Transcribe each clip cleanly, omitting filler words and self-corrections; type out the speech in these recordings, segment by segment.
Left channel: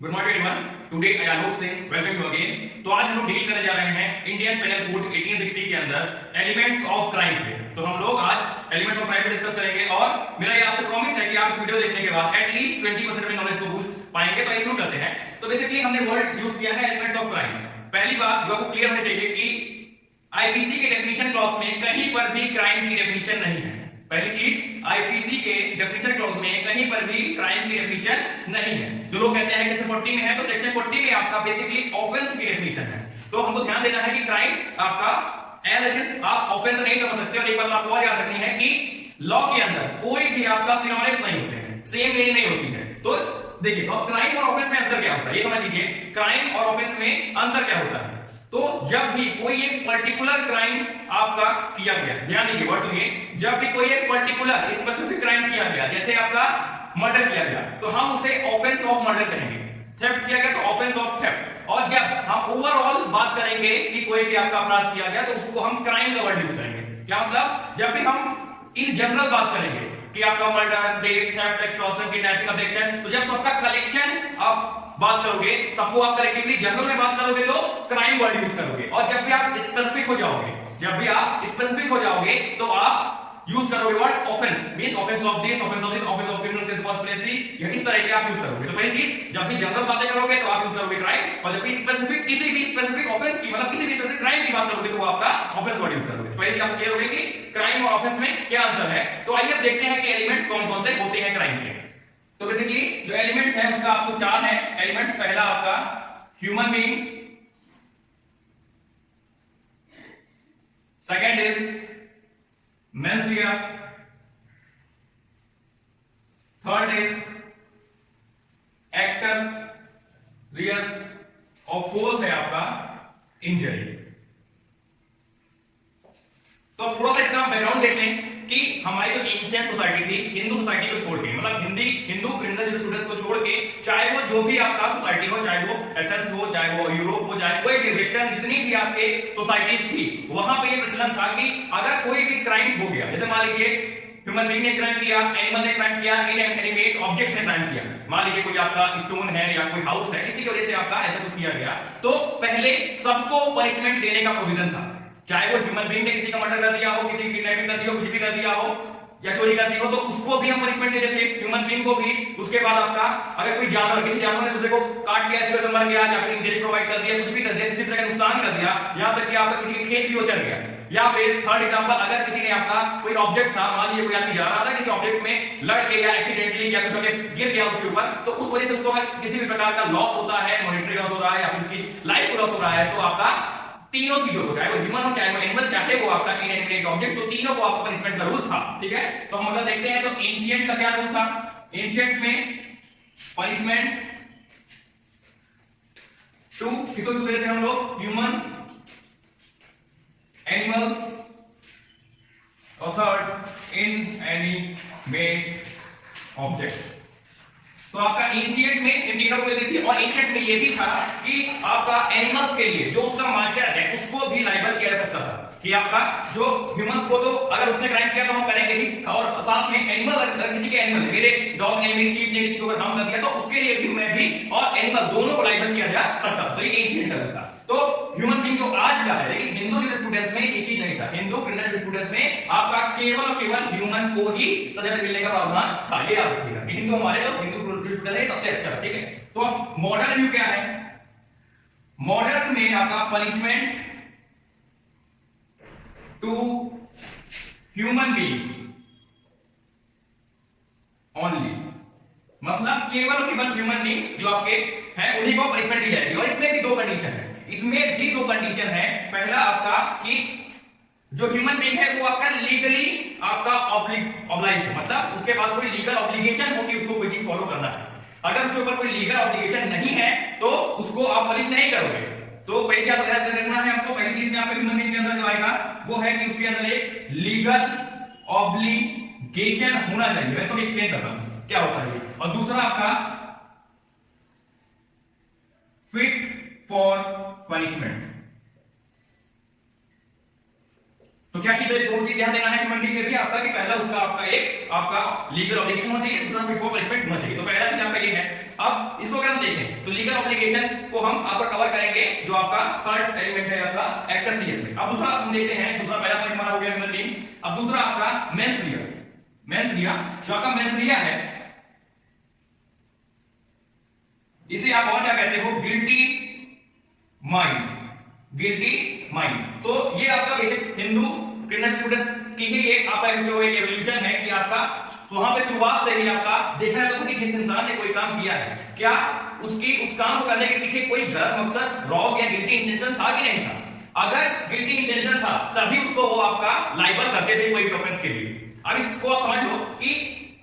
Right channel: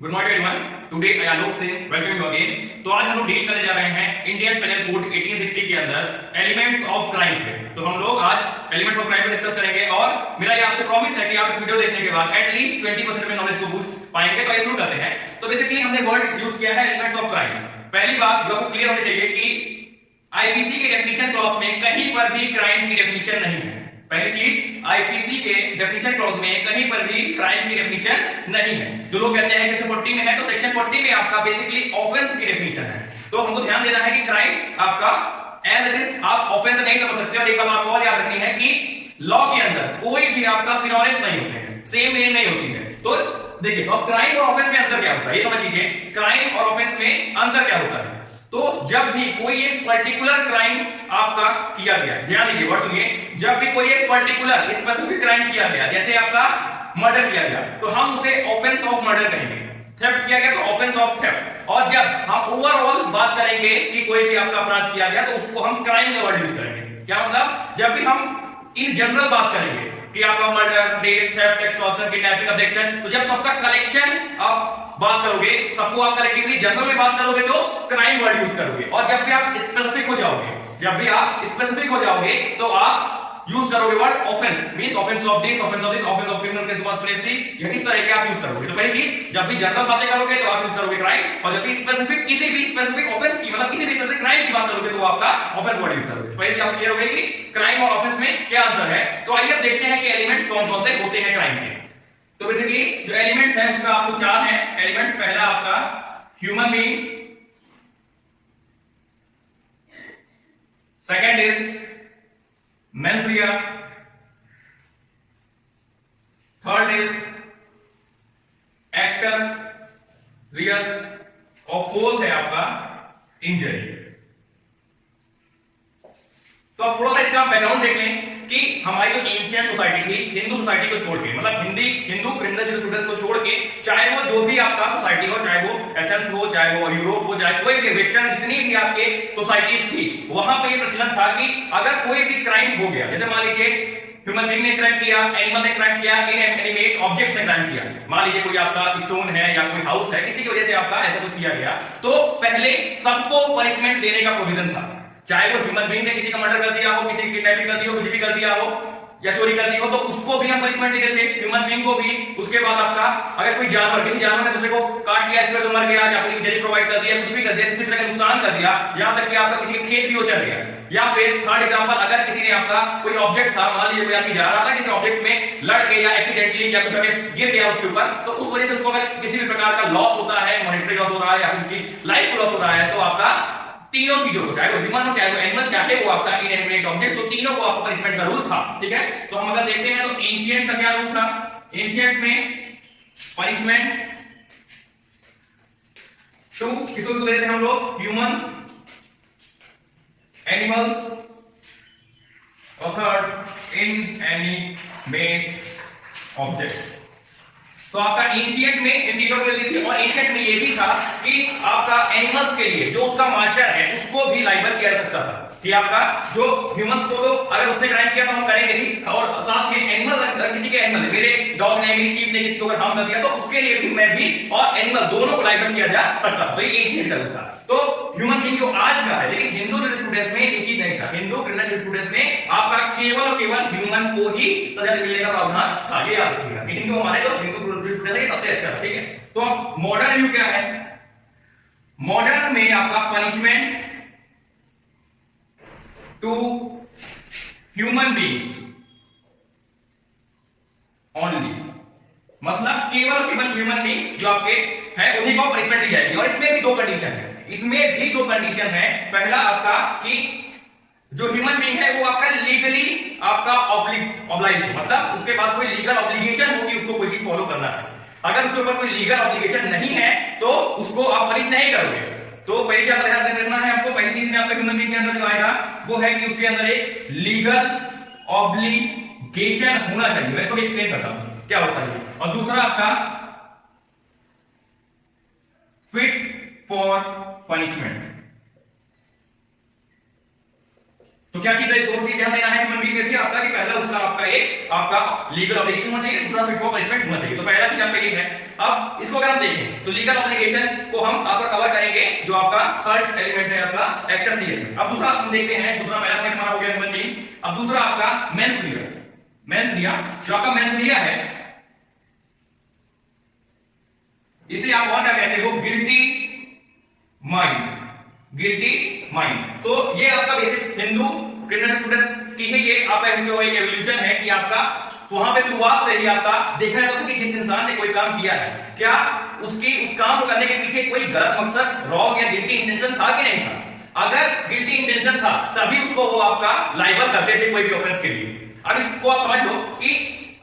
Good morning everyone. Today I Alok Singh welcome you again. तो आज हम लोग डील करने जा रहे हैं इंडियन पेनल कोड 1860 के अंदर एलिमेंट्स ऑफ क्राइम पे। तो हम लोग आज एलिमेंट्स ऑफ क्राइम पे डिस्कस करेंगे और मेरा ये आपसे प्रॉमिस है कि आप इस वीडियो देखने के बाद एटलीस्ट 20% में नॉलेज को बूस्ट पाएंगे। तो आइए शुरू करते हैं। तो बेसिकली हमने वर्ड यूज किया है एलिमेंट्स ऑफ क्राइम। पहली बात जो आपको क्लियर होनी चाहिए कि आईपीसी के डेफिनेशन क्लॉज में कहीं पर भी क्राइम की डेफिनेशन नहीं है। पहली चीज, आईपीसी के डेफिनेशन क्लॉज में कहीं पर भी क्राइम की डेफिनेशन नहीं है। जो लोग कहते हैं कि सेक्शन 40 में है, तो सेक्शन 40 में आपका बेसिकली ऑफेंस की डेफिनेशन है। तो हमको ध्यान देना है कि क्राइम आपका एज इट इज आप ऑफेंस नहीं समझ सकते। और एक बात आपको और याद रखनी है कि लॉ के अंदर कोई भी आपका सिनोनिम्स नहीं होते हैं, सेम मीनिंग नहीं होती है। तो देखिए, अब क्राइम और ऑफेंस में अंतर क्या होता है ये समझ लीजिए। क्राइम और ऑफेंस में अंतर क्या होता है? तो जब भी कोई एक पर्टिकुलर क्राइम आपका किया गया, ध्यान दीजिए वर्ड सुनिए, जब भी कोई एक पर्टिकुलर स्पेसिफिक क्राइम किया गया, जैसे आपका मर्डर किया गया, तो हम उसे ऑफेंस ऑफ मर्डर कहेंगे। थेफ्ट किया गया तो ऑफेंस ऑफ थेफ्ट। और जब हम ओवरऑल बात करेंगे कि कोई भी आपका अपराध किया गया, तो उसको हम क्राइम का वर्ड यूज करेंगे। क्या मतलब? जब भी हम इन जनरल बात करेंगे कि आपका murder, rape, theft, extortion, kidnapping, abduction, तो जब सबका कलेक्शन आप बात करोगे, सबको आप कलेक्टिवली जनरल में बात करोगे तो क्राइम वर्ड यूज करोगे। और जब भी आप स्पेसिफिक हो जाओगे, तो आप यूज करोगे word offence. Means offence of this, offence of this, offence of criminal case conspiracy, यह इस तरह के आप यूज करोगे। तो पहली चीज, जब भी जनरल बातें करोगे तो आप यूज करोगे क्राइम, और जब भी स्पेसिफिक किसी भी स्पेसिफिक ऑफेंस की, मतलब किसी भी स्पेसिफिक क्राइम की बात करोगे तो आपका ऑफेंस वर्ड यूज करोगे। तो पहली चीज आपको क्लियर हो गई कि क्राइम और ऑफेंस में क्या अंतर है। तो आइए अब देखते हैं कि एलिमेंट्स कौन-कौन से होते हैं क्राइम के। तो बेसिकली जो एलिमेंट्स हैं उसका आपको चार है एलिमेंट्स। पहला आपका human being, second is mens rea, third is actus reus, और फोर्थ है आपका इंजरी। तो अब थोड़ा सा इसका बैकग्राउंड देख लें कि हमारी जो एंशिएंट सोसाइटी थी, हिंदू सोसाइटी को छोड़ के, मतलब हिंदू क्रिमिनल जूरिस्प्रूडेंस को छोड़ के, चाहे वो जो भी आपका सोसाइटी हो, चाहे वो एथेंस हो, चाहे वो यूरोप हो, चाहे कोई भी वेस्टर्न जितनी भी आपके सोसाइटीज थी, वहां पे ये प्रचलन था कि अगर कोई भी क्राइम हो गया, जैसे मान लीजिए ह्यूमन बीइंग ने क्राइम किया, एनिमल ने क्राइम किया, इनएनिमेट ऑब्जेक्ट्स ने क्राइम किया, मान लीजिए कोई आपका स्टोन है या कोई हाउस है, किसी की वजह से आपका ऐसा कुछ किया गया, तो पहले सबको पनिशमेंट देने का प्रोविजन था। चाहे वो ह्यूमन बीइंग ने किसी का मर्डर कर दिया हो, किसी की किडनैपिंग कर दी हो, कुछ भी कर दिया हो या चोरी कर दी हो, तो उसको भी हम पनिशमेंट देते थे, ह्यूमन बीइंग को भी। उसके बाद आपका अगर कोई जानवर, किसी जानवर ने दूसरे को काट लिया, इस पर मर गया, या फिर इंजरी प्रोवाइड कर दिया, कुछ भी कर दिया, किसी तरह का नुकसान कर दिया, यहां तक कि आपका किसी के खेत भी वो चल गया। या फिर थर्ड एग्जांपल, अगर किसी ने आपका कोई ऑब्जेक्ट था, मान लीजिए कोई आदमी जा रहा था, किसी ऑब्जेक्ट में लड़ के या एक्सीडेंटली या कुछ गिर गया उसके ऊपर, तो उस वजह से उसको अगर किसी भी प्रकार का लॉस होता है, मॉनेटरी लॉस हो रहा है या फिर उसकी लाइफ को लॉस हो रहा है, तो आपका तीनों चीजों को, चाहे वो ह्यूमन हो, चाहे वो एनिमल, चाहे वो आपका इनएनिमेट ऑब्जेक्ट, तो तीनों को आपको पनिशमेंट का रूल था। ठीक है, तो हम अगर देखते हैं तो एंशिएंट का क्या रूल था। एंशिएंट में पनिशमेंट टू किसको देते थे हम लोग? ह्यूमंस, एनिमल्स, और थर्ड इनएनिमेट ऑब्जेक्ट। तो आपका एंशिएंट में इन तीनों को मिलती थी, और एंशिएंट में ये भी था कि आपका एनिमल्स के लिए जो उसका मास्टर है उसको भी लाइबल किया जा सकता था कि आपका जो ह्यूमंस को, तो अगर उसने क्राइम किया तो हम करेंगे ही, और साथ में एनिमल, अगर किसी के एनिमल, मेरे डॉग ने, मेरी शीप ने किसी को अगर हार्म कर दिया, तो उसके लिए भी मैं भी और एनिमल दोनों को लाइबल किया जा सकता था। तो ये एंशिएंट का था। तो ह्यूमन बीइंग जो आज का है, लेकिन हिंदू जूरिस्प्रूडेंस में ये चीज नहीं था। हिंदू क्रिमिनल जूरिस्प्रूडेंस में आपका केवल और केवल ह्यूमन को ही सजा मिलने का प्रावधान था। ये याद रखिएगा कि हिंदू, हमारे जो हिंदू जूरिस्प्रूडेंस है सबसे अच्छा है। ठीक है, तो अब मॉडर्न व्यू क्या है? मॉडर्न में आपका punishment to human beings only, मतलब केवल और केवल ह्यूमन बीइंग्स जो आपके हैं उन्हीं को पनिशमेंट दी जाएगी। और इसमें भी दो कंडीशन है, इसमें भी दो कंडीशन है। पहला आपका कि जो ह्यूमन बीइंग है वो आपका लीगली आपका ऑब्लाइज हो, मतलब उसके पास कोई लीगल ऑब्लिगेशन हो कि उसको कोई चीज फॉलो करना है। अगर उसके ऊपर कोई लीगल ऑब्लिगेशन नहीं है तो उसको आप पनिश नहीं करोगे। तो पहले से आपको ध्यान रखना है, आपको पहली चीज में आपका ह्यूमन बीइंग के अंदर जो आएगा वो है कि उसके अंदर एक लीगल ऑब्लिगेशन होना चाहिए। मैं इसको एक्सप्लेन करता हूं क्या होता है। और दूसरा आपका फिट फॉर पनिशमेंट। तो क्या चीजें, दो चीजें ध्यान देना है ह्यूमन बीइंग के लिए आपका, कि पहला उसका आपका लीगल ऑब्लिगेशन होना चाहिए, दूसरा फिट फॉर पनिशमेंट होना चाहिए। तो पहला चीज आपका ये है। अब इसको अगर हम देखें तो लीगल ऑब्लिगेशन को हम आपका कवर करेंगे जो आपका थर्ड एलिमेंट है आपका एक्टस रियस में। अब दूसरा हम देखते हैं, दूसरा पहला पॉइंट हमारा हो गया ह्यूमन बीइंग। अब दूसरा आपका मेंस रिया। मेंस रिया, जो आपका मेंस रिया है, इसे आप और क्या कहते हो, गिल्टी माइंड। गिल्टी माइंड, तो ये आपका बेसिक हिंदू क्रिमिनल स्टूडेंट्स की ही ये आपका एक एवोल्यूशन है कि आपका वहां पे शुरुआत से ही आपका देखा जाता था कि जिस इंसान ने कोई काम किया है, क्या उसकी उस काम को करने के पीछे कोई गलत मकसद, रॉन्ग या गिल्टी इंटेंशन था कि नहीं था। अगर गिल्टी इंटेंशन था तभी उसको वो आपका लाइबल करते थे कोई भी ऑफेंस के लिए। अब इसको आप समझ लो कि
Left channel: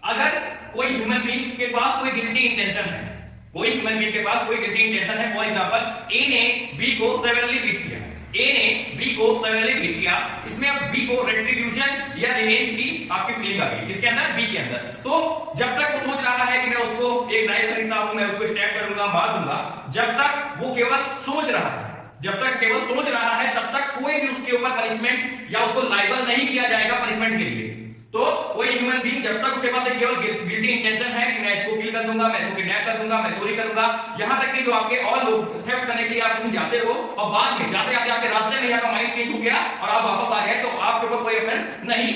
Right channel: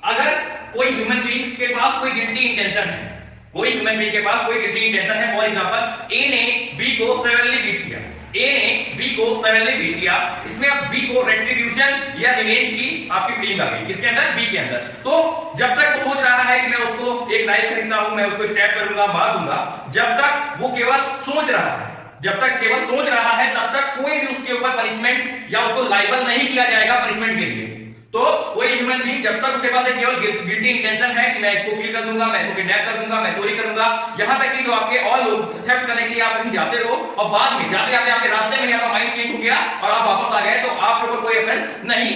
अगर कोई ह्यूमन बीइंग के पास कोई गिल्टी इंटेंशन है, कोई ह्यूमन बीइंग के पास कोई गिल्टी इंटेंशन है, फॉर एग्जांपल ए ने बी को सेवरली बीट किया, ए ने बी को सेवरली बीट किया, इसमें अब बी को रेट्रिब्यूशन या रिवेंज की आपकी फीलिंग आ गई इसके अंदर, बी के अंदर। तो जब तक वो सोच रहा है कि मैं उसको एक नाइफ खरीदता हूं, मैं उसको स्टैब करूंगा, मार दूंगा, जब तक वो केवल सोच रहा है, जब तक केवल सोच रहा है, तब तक कोई भी उसके ऊपर पनिशमेंट या उसको लाइबल नहीं किया जाएगा पनिशमेंट के लिए। तो कोई ह्यूमन बीइंग जब तक उसके पास एक केवल गिल्टी इंटेंशन है कि मैं इसको किल कर दूंगा, मैं इसको किडनैप कर दूंगा, मैं चोरी करूंगा, यहां तक कि जो आपके और लोग थेफ्ट करने के लिए आप कहीं जाते हो और बाद में जाते जाते आपके रास्ते में आपका माइंड चेंज हो गया और आप वापस आ गए, तो आपके ऊपर कोई ऑफेंस नहीं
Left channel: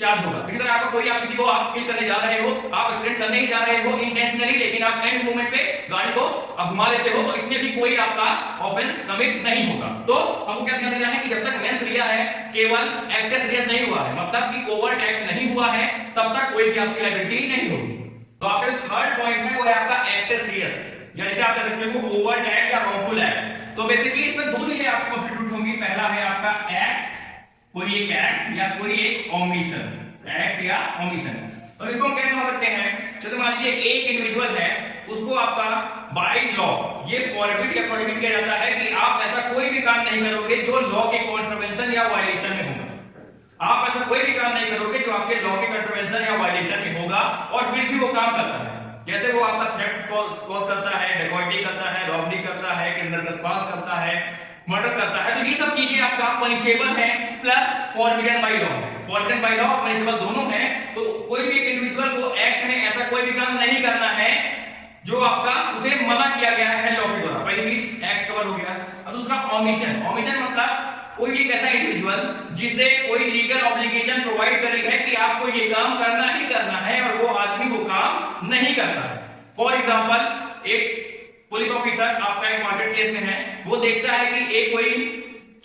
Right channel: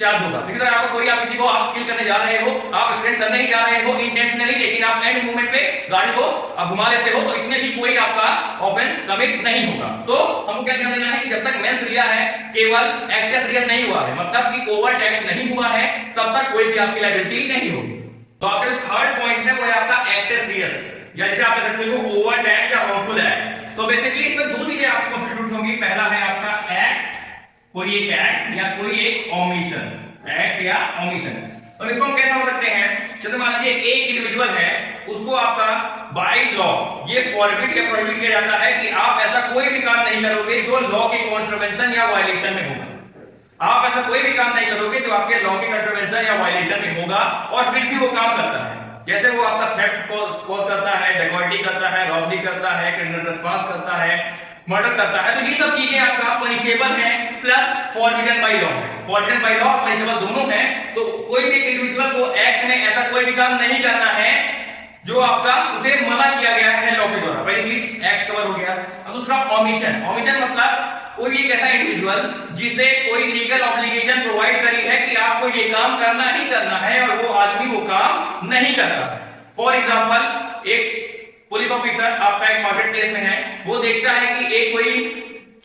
चार्ज होगा। इसी तरह आपको कोई, आप किसी को आप किल करने जा रहे हो, आप एक्सीडेंट करने ही जा रहे हो इंटेंशनली, लेकिन आप एंड मोमेंट पे गाड़ी को आप घुमा लेते हो, तो इसमें भी कोई आपका ऑफेंस कमिट नहीं होगा। तो हमको क्या ध्यान देना है कि जब तक मेंस रिया है, केवल एक्टस रियस नहीं हुआ है, मतलब कि ओवर्ट एक्ट नहीं हुआ है, तब तक कोई भी आपकी लायबिलिटी नहीं होगी। तो आपका जो थर्ड पॉइंट है वो है आपका एक्टस रियस, या जैसे आप कह सकते हो ओवर्ट एक्ट या रॉन्गफुल एक्ट। तो बेसिकली इसमें दो चीजें आपकी कॉन्स्टिट्यूट होंगी। पहला है आपका एक्ट, कोई एक एक्ट या कोई एक ओमिशन, एक्ट या ओमिशन। तो इसको हम कैसे समझ सकते हैं, जैसे मान लीजिए एक इंडिविजुअल है, उसको आपका बाय लॉ ये फॉरबिड या प्रोहिबिट किया जाता है कि आप ऐसा कोई भी काम नहीं करोगे जो लॉ के कॉन्ट्रवेंशन या वायलेशन में होगा। आप ऐसा कोई भी काम नहीं करोगे जो आपके लॉ के कॉन्ट्रवेंशन या वायलेशन में होगा, और फिर भी वो काम करता है। जैसे वो आपका थेफ्ट कॉज करता है, डेकॉइटी करता है, रॉबरी करता है, क्रिमिनल ट्रेसपास करता है, मर्डर करता है, तो ये सब चीजें आपका पनिशेबल है, प्लस फॉरबिडन बाय लॉ है। फॉरबिडन बाय लॉ और पनिशेबल दोनों हैं। तो कोई भी इंडिविजुअल को एक्ट में ऐसा कोई भी काम नहीं करना है जो आपका उसे मना किया गया है लॉ के द्वारा। पहली चीज एक्ट कवर हो गया। और दूसरा ओमिशन। ओमिशन मतलब कोई एक ऐसा इंडिविजुअल जिसे कोई लीगल ऑब्लिगेशन प्रोवाइड करी है कि आपको ये काम करना ही करना है, और वो आदमी वो काम नहीं करता। फॉर एग्जाम्पल एक पुलिस ऑफिसर आपका एक मार्केट प्लेस में है, वो देखता है कि एक कोई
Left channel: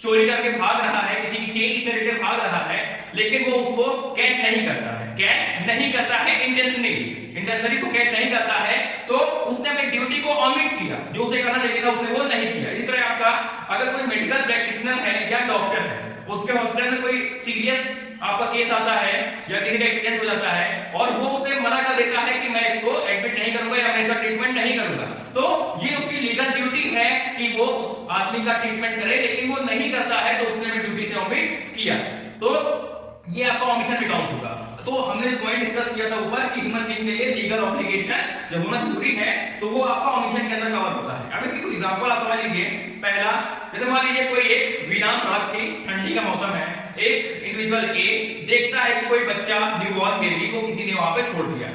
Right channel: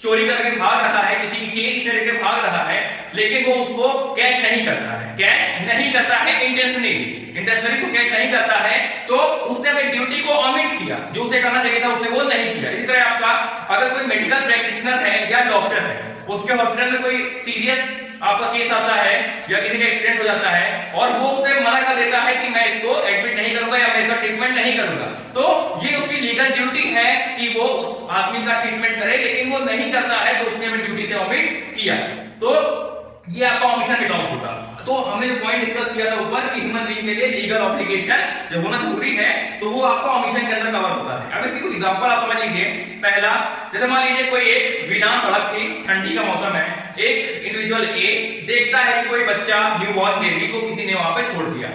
चोरी करके भाग रहा है, किसी की चेन से लेकर भाग रहा है, लेकिन वो उसको कैच नहीं करता है, कैच नहीं करता है इंटेंशनली उसको कैच नहीं करता है, तो उसने अपनी ड्यूटी को ऑमिट किया, जो उसे करना चाहिए था उसने वो नहीं किया। इस तरह आपका अगर कोई मेडिकल प्रैक्टिशनर है या डॉक्टर है, उसके हॉस्पिटल में कोई सीरियस आपका केस आता है या किसी का एक्सीडेंट हो जाता है, और वो उसे मना कर देता है कि मैं इसको एडमिट नहीं करूंगा या मैं इसका ट्रीटमेंट नहीं करूंगा, तो ये उसकी लीगल ड्यूटी है कि वो उस आदमी का ट्रीटमेंट करे, लेकिन वो नहीं करता है, तो उसने अपनी ड्यूटी से ऑमिट किया, तो ये आपका ओमिशन में काउंट होगा। तो हमने जो पॉइंट डिस्कस किया था ऊपर कि ह्यूमन बीइंग के लिए लीगल ऑब्लिगेशन जब होना जरूरी है, तो वो आपका ओमिशन के अंदर कवर होता है। अब इसकी कोई एग्जांपल आप समझ लीजिए। पहला, जैसे मान लीजिए कोई एक वीरान सड़क थी, ठंडी का मौसम है, एक इंडिविजुअल ए देखता है कि कोई बच्चा न्यूबॉर्न बेबी को किसी ने वहां पे छोड़ दिया।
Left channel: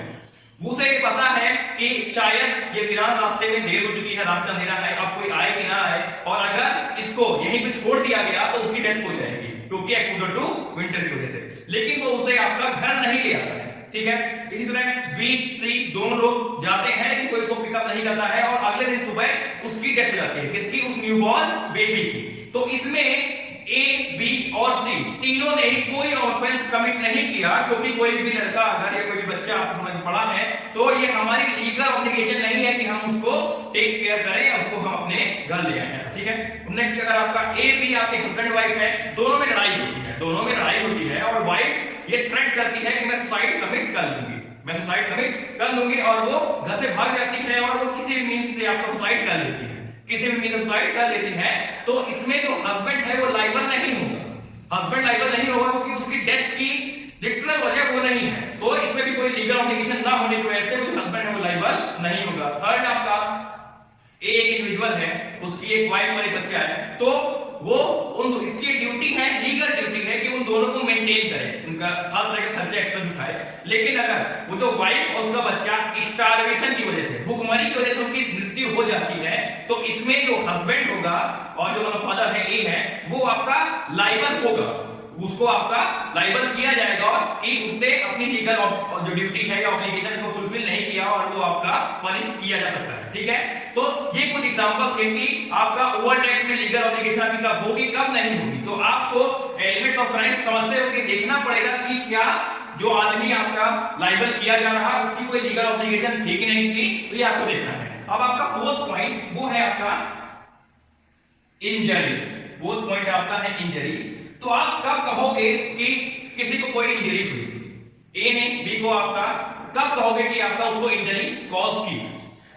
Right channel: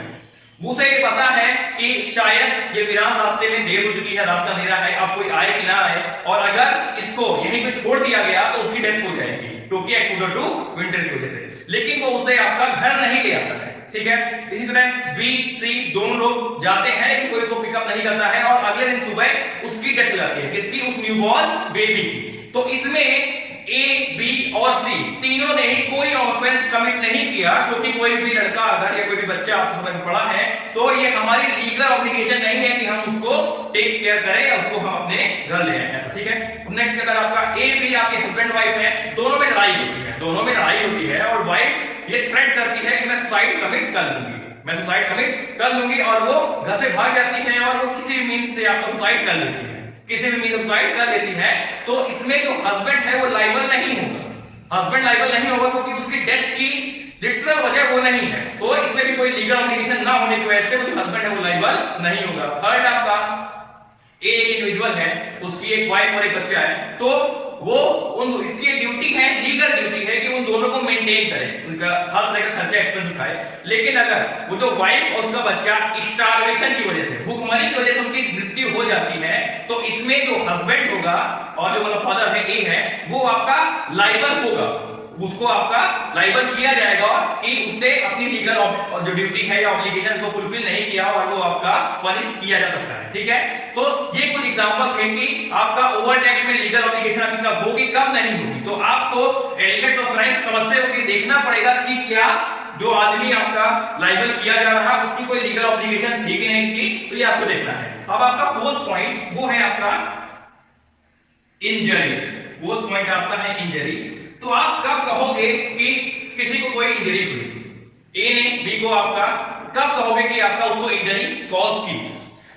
उसे ये पता है कि शायद ये वीरान रास्ते में देर हो चुकी है, रात का अंधेरा है, अब कोई आए कि ना आए, और अगर इसको यहीं पे छोड़ दिया गया तो उसकी डेथ हो जाएगी क्योंकि एक्सपोजर टू विंटर की वजह से, लेकिन वो उसे आपका घर नहीं ले आता है। ठीक है, इसी तरह बी सी दोनों लोग जाते हैं, लेकिन कोई उसको पिकअप नहीं करता है, और अगले दिन सुबह उसकी डेथ हो जाती है, किसकी, उस न्यूबॉर्न बेबी की। तो इसमें ए, बी और सी तीनों ने ही कोई ऑफेंस कमिट नहीं किया, क्योंकि कोई भी लड़का अगर या कोई भी बच्चा आपको समझ में पड़ा है, तो ये हमारी लीगल ऑब्लिगेशन नहीं है कि हम उसको टेक केयर करें या उसको हम अपने घर ले आए, ऐसा। ठीक है, नेक्स्ट अगर आपका ए बी आपके हस्बैंड वाइफ है, दोनों में लड़ाई होती है, और वाइफ ये थ्रेट करती है कि मैं सुसाइड कमिट कर लूंगी, मैं सुसाइड कमिट कर लूंगी, और वो घर से भाग जाती है, और वो किसी भी मींस से आपको सुसाइड कर लेती है, किसी भी मींस सुसाइड कर लेती है। तो इसमें जो हस्बैंड है वो लायबल नहीं होगा, हस्बैंड लायबल नहीं होगा, क्योंकि उसकी डेथ की लिटरल वजह वो नहीं है, तो इसमें भी कोई लीगल ऑब्लिगेशन ना होने की वजह से वो जो हस्बैंड है वो लायबल नहीं होगा। थर्ड आपका एक इंडिविजुअल है, उसकी एक वाइफ और एक बच्चा है, तो वो इसकी ड्यूटी है, लीगल ड्यूटी है कि उन दोनों को मेंटेन करे, उनका हर तरह का खर्चा एक्सपेंस उठाए। लेकिन अगर वो जो वाइफ और उसका बच्चा स्टारवेशन की वजह से, भूखमरी की वजह से उनकी मृत्यु हो जाती है, तो इसमें जो हस्बैंड होगा और जो मतलब फादर है, ए है, वो आपका लाइबल होगा, उसको आपका लाइबल किया जाएगा और कि उसने अपनी लीगल जो ड्यूटी है या ऑब्लिगेशन को फुलफिल नहीं किया और वो आपका पनिश किया जा सकता है। ठीक है, तो ये कुछ एग्जांपल थे कि आपका ओवर एक्ट में लीगल ऑब्लिगेशन आपकी कब होगी, कब नहीं होगी। तो आपको एलिमेंट्स ऑफ क्राइम समझते हुए देखना पड़ेगा कि क्या जो आदमी आपका लाइबल किया जा रहा है उसकी कोई लीगल ऑब्लिगेशन थी कि नहीं थी, तो ये आपको देखना है। अब आपका फोर्थ पॉइंट वो है आपका इंजरी। फोर्थ पॉइंट आपका है इंजरी। तो आप कब कहोगे कि किसी को कोई इंजरी हुई, ए ने बी को आपका कब कहोगे कि आपका उसको इंजरी कॉज की?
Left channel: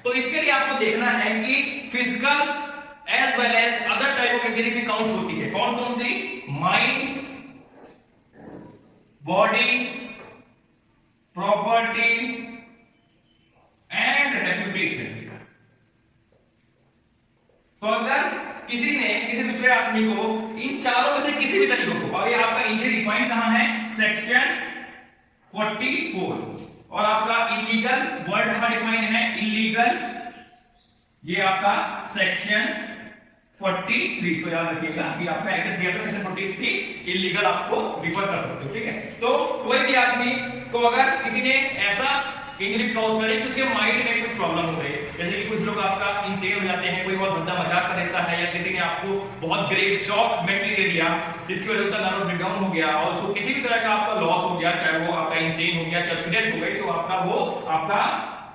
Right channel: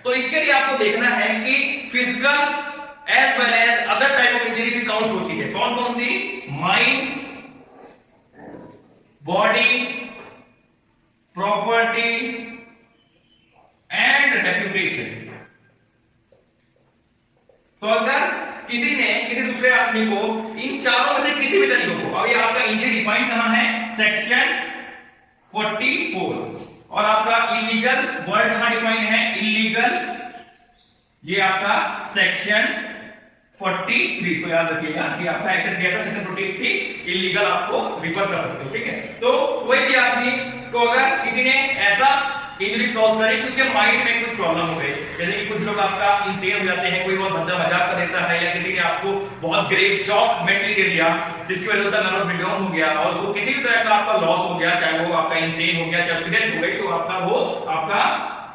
तो इसके लिए आपको देखना है कि physical as well as other type of injury भी काउंट होती है। कौन कौन सी? Mind, body, property and reputation. तो अगर किसी ने किसी दूसरे आदमी को इन चारों में से किसी भी तरीके को, और ये आपका इंजरी डिफाइंड कहां है? सेक्शन 44। और आपका इलीगल वर्ड कहां डिफाइंड है? इलीगल, ये आपका सेक्शन 43। तो याद रखिएगा कि आपका एक्ट गया था सेक्शन 43, इलीगल आपको रिफर कर सकते हो। ठीक है, तो कोई भी आदमी को अगर किसी ने ऐसा इंजरी कॉज करे कि उसके माइंड में कुछ प्रॉब्लम हो गई, जैसे कि कुछ लोग आपका इंसेन हो जाते हैं, कोई बहुत भद्दा मजाक कर देता है, या किसी ने आपको बहुत ग्रेव शॉक मेंटली दे दिया जिसकी वजह से नर्वस ब्रेकडाउन हो गया और उसको किसी भी तरह का आपका लॉस हो गया, चाहे वो आपका इंसेन हो गया, चाहे एक्सीडेंट हो गई, तो आपका वो आपका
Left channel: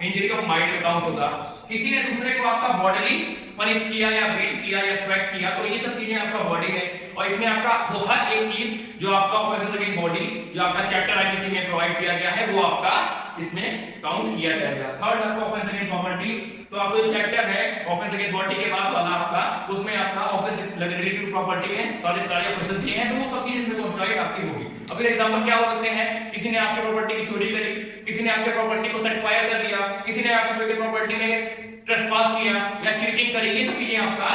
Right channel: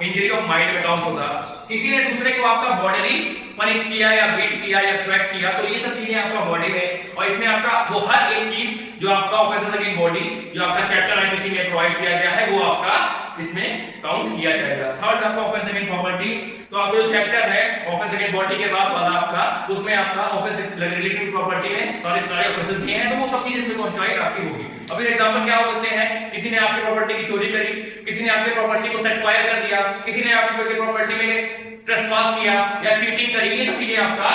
इंजरी ऑफ माइंड में काउंट होगा। किसी ने दूसरे को आपका बॉडीली पनिश किया या बीट किया या थ्रेट किया, तो ये सब चीजें आपका बॉडी में, और इसमें आपका वो हर एक चीज जो आपका ऑफेंसेस अगेंस्ट बॉडी जो आपका चैप्टर 90 में प्रोवाइड किया गया है वो आपका इसमें काउंट किया जाएगा। थर्ड आपका ऑफेंस अगेंस्ट प्रॉपर्टी। तो आपका जो चैप्टर है ऑफेंस अगेंस्ट बॉडी के बाद वाला आपका, उसमें आपका ऑफेंस रिलेटेड टू प्रॉपर्टी में सारे ऑफेंसेस दिए हैं, तो वो सब चीजें इसमें क्वांटिफाइड आपकी होगी। अब एग्जांपल क्या हो सकते हैं? किसी ने आपकी प्रॉपर्टी की चोरी करी, किसी ने आपकी प्रॉपर्टी को सेट फायर कर दिया, किसी ने आपकी प्रॉपर्टी में ट्रेसपास किया या चीटिंग करी, ये सब चीजें आपका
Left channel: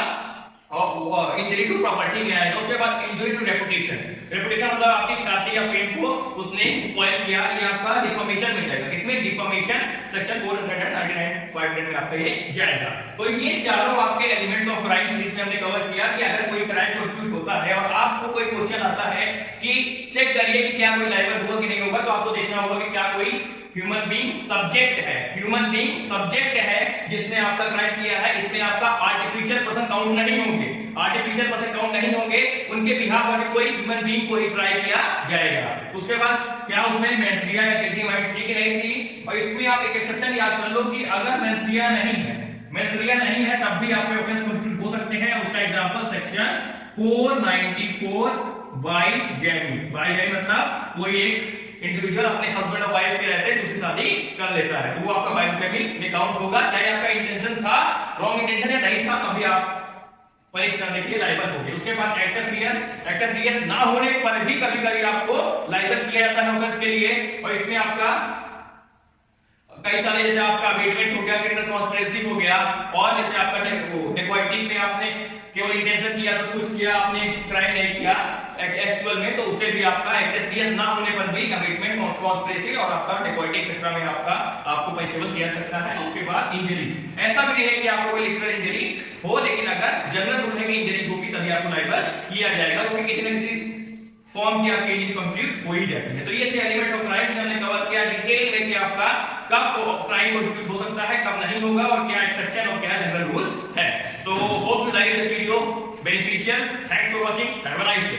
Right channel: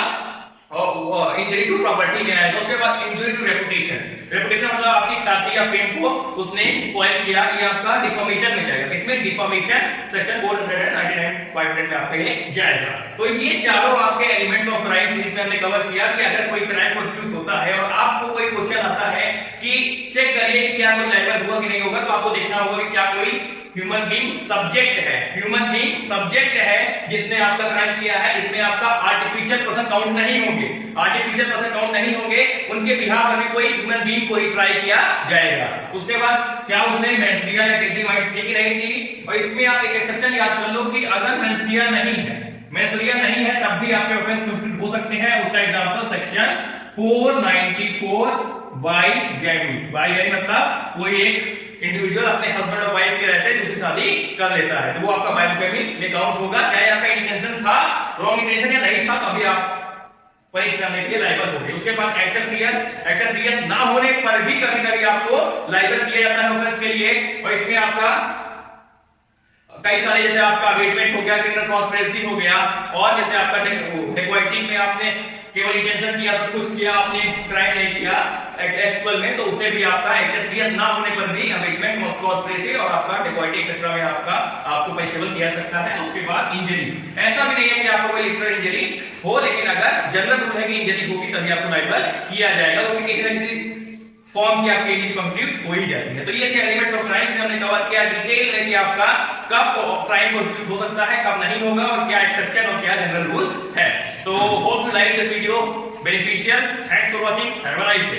इंजरी टू प्रॉपर्टी में आएगा। उसके बाद इंजरी टू रेपुटेशन। रेपुटेशन मतलब आपकी ख्याति या फेम को उसने स्पॉइल किया, ये आपका डिफॉर्मेशन में जाएगा। इसमें डिफॉर्मेशन सेक्शन 499 500 में आपका ये जाएगा। तो ये चारों आपके एलिमेंट्स ऑफ क्राइम सीरीज में हमने कवर किया कि अगर कोई क्राइम कॉन्स्टिट्यूट होता है और आपको कोई क्वेश्चन आता है कि चेक करिए कि क्या कोई लाइबल हुआ कि नहीं होगा, तो आपको देखना होगा कि क्या कोई ह्यूमन बीइंग सब्जेक्ट है, ह्यूमन बीइंग सब्जेक्ट है जिसने आपका क्राइम किया है। इसमें आपका आर्टिफिशियल पर्सन काउंट नहीं होंगे, आर्टिफिशियल पर्सन काउंट नहीं होंगे, उनके बिहाफ में कोई ह्यूमन बीइंग को ट्राई किया जाएगा। उसके बाद क्या उसने मेंस्ट्रिया या टेजिंग वाइट थी कि नहीं थी, और इसमें आप एक एक्सेप्शन याद कर लो कि अगर मेंस्ट्रिया नहीं है, मेंस्ट्रिया नहीं है, तब भी आपके ऑफेंस कॉन्स्टिट्यूट हो सकते हैं। उसका एग्जांपल सेक्शन 494 बाइगैमी। बाइगैमी मतलब कोई एक इंडिविजुअल अपने हस्बैंड और वाइफ के रहते दूसरी शादी कर लेता है, तो वो आपका बाइगैमी में काउंट होगा, चाहे आपका इंटेंशन था, रॉन्ग इंटेंशन या नहीं था, तभी आप पनिश करने के लिए लाइबल होंगे। उसके बाद एक्टस रियस ना होने पर भी कभी कभी आपको लाइबल किया जाता है ऑफेंस के लिए, और इसमें आपका कई सारे, जैसे आपका अवेटमेंट हो गया, क्रिमिनल कॉन्स्पिरेसी हो गया, और जैसे आपका डेकोइटी में आपने केवल इंटेंशन किया, सब कुछ किया, आपने क्राइम नहीं किया एक्चुअल में, तो उसे भी आपका एक्टस रियस ना होने पर भी अवेटमेंट, कॉन्स्पिरेसी और आपका डेकोइटी एक्सेट्रा में आपको पनिशेबल किया सकता है। उसके बाद इंजरी, ऐसा भी नहीं है कि आपको कोई लिटरल इंजरी हो, लेकिन अगर जनरल रूल है कि इंजरी होगी तभी आपको लाइबल किया जाएगा, क्योंकि किसी न किसी फॉर्म की आपकी इंजरी कंप्लीट हो ही जाती है। तो ये थे एलिमेंट्स ऑफ क्राइम, हमने कवर किया डिटेल में कि आपका कब ऑफ क्राइम कंप्लीट हो सकता है, कब नहीं होगा, और क्या एक्सेप्शन और क्या जनरल रूल है। तो hope you like this video beneficial. Thanks for watching, have a nice day.